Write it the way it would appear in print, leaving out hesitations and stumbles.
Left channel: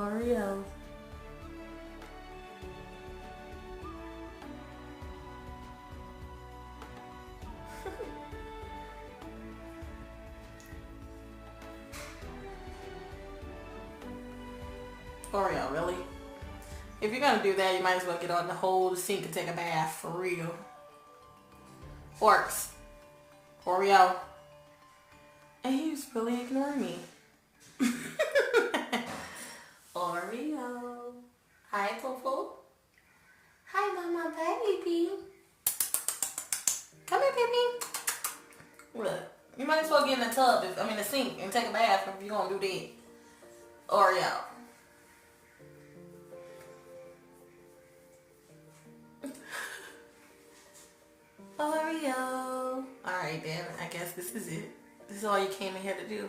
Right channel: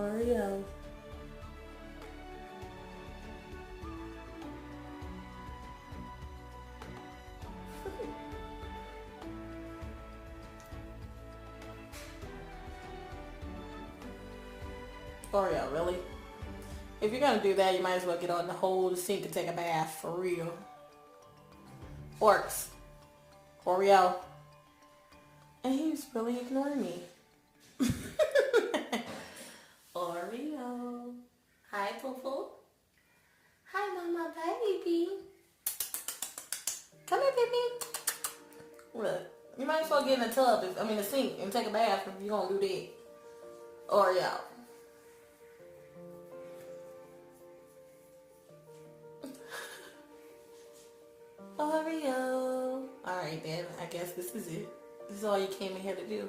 Oreo. Oreo, really? If you're gonna do that, you might as well get on the whole sink and take a bath for real. Orcs. Oreo. And he's really ignoring me. Oreo. Hi, Tofu. Hi, Mama baby. Come here, baby. Look, you might as well get in the tub, the sink, and take a bath if you're gonna do that. Oreo. Oreo. Alright then, I guess this is it. This is all you came in here to do.